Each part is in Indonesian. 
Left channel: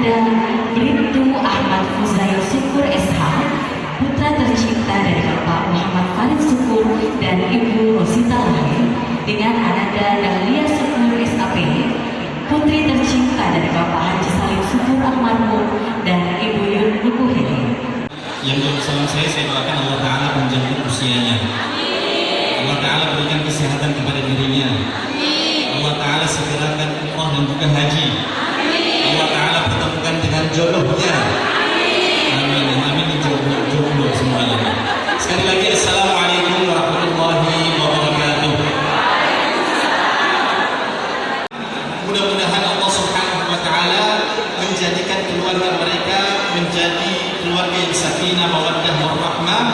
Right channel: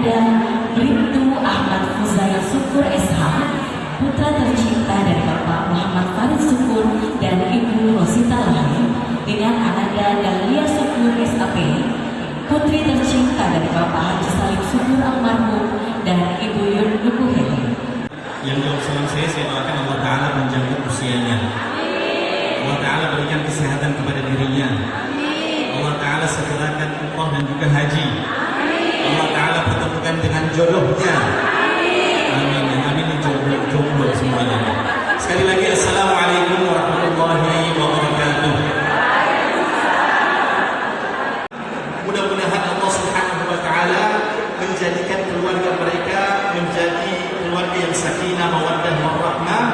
Ananda Bribtu Ahmad Fuzai Syukur SH, putra tercinta dari Bapak Muhammad Farid Syukur dan Ibu Rosita Lahir, dengan Ananda Dahlia Syukur SAP, putri tercinta dari Bapak Haji Salim Syukur almarhum dan Ibu Yun Nukuheli. Yang jauh salam saya doakan Allah Ta'ala menjamin usianya. Allah Ta'ala berikan kesehatan kepada dirinya. Allah Ta'ala segerakan umroh dan juga haji. Allah Ta'ala pertemukan dengan jodohnya. Amin. Amin. Jodoh semuanya. Sekali lagi Assalamualaikum warahmatullahi wabarakatuh. Mudah-mudahan Allah Subhanahu wa Ta'ala menjadikan keluarga mereka menjadi keluarga yang sakinah, mawaddah, warahmah,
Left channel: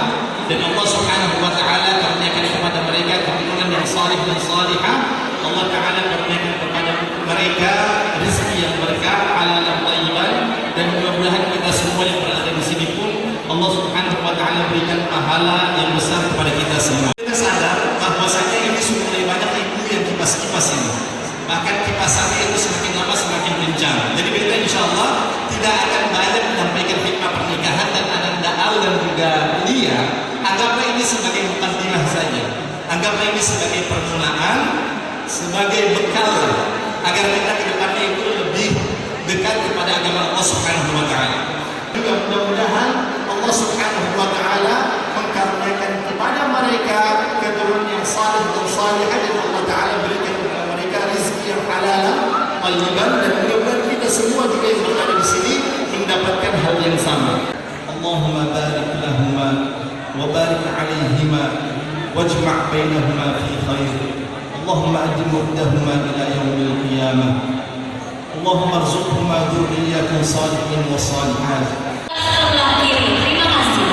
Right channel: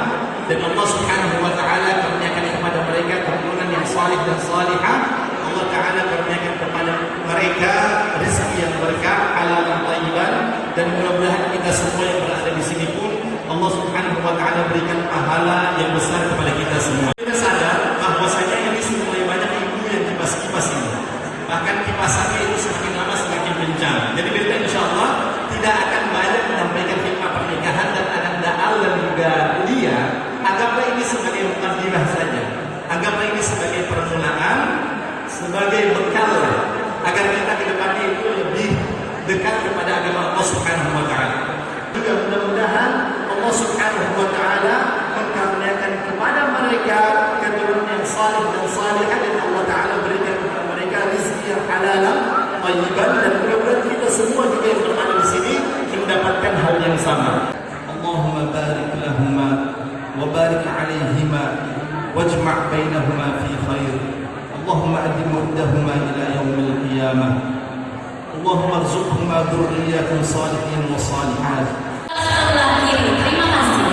dan Allah Subhanahu wa Ta'ala karuniakan kepada mereka keturunan yang salih dan salihah. Allah Ta'ala karuniakan kepada mereka rezeki yang berkah, halal dan thayyiban, dan mudah-mudahan kita semua yang berada di sini pun Allah Subhanahu wa Ta'ala berikan pahala yang besar kepada kita semua. Kita sadar bahwasanya ini sudah mulai banyak ibu yang kipas-kipas ini. Bahkan kipasannya itu semakin lama semakin kencang. Jadi kita insya Allah tidak akan banyak menyampaikan hikmah pernikahan dan Ananda Al dan juga Lia. Anggaplah ini sebagai mukaddimah saja. Anggaplah ini sebagai permulaan, sebagai bekal agar kita ke depannya itu lebih dekat kepada agama Allah Subhanahu wa Ta'ala. Juga mudah-mudahan Allah Subhanahu wa Ta'ala mengkaruniakan kepada mereka keturunan yang salih dan salihah, dan Allah Ta'ala berikan kepada mereka rezeki yang halal, thayyiban, dan mudah-mudahan kita semua juga yang berada di sini mendapatkan hal yang sama. Allahumma barik lahuma wa barik alaihima wajma' bainahuma fi khair. Allahumma addim waddahuma ila yaumil qiyamah. Allahumma arzuqhuma dzurriyyatan salihin wa salihat. Terima kasih.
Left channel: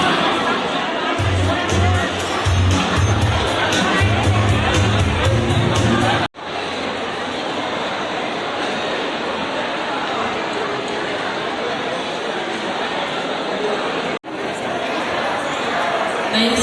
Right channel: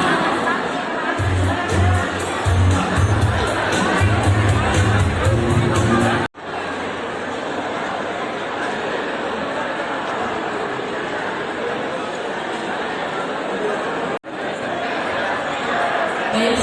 Baik,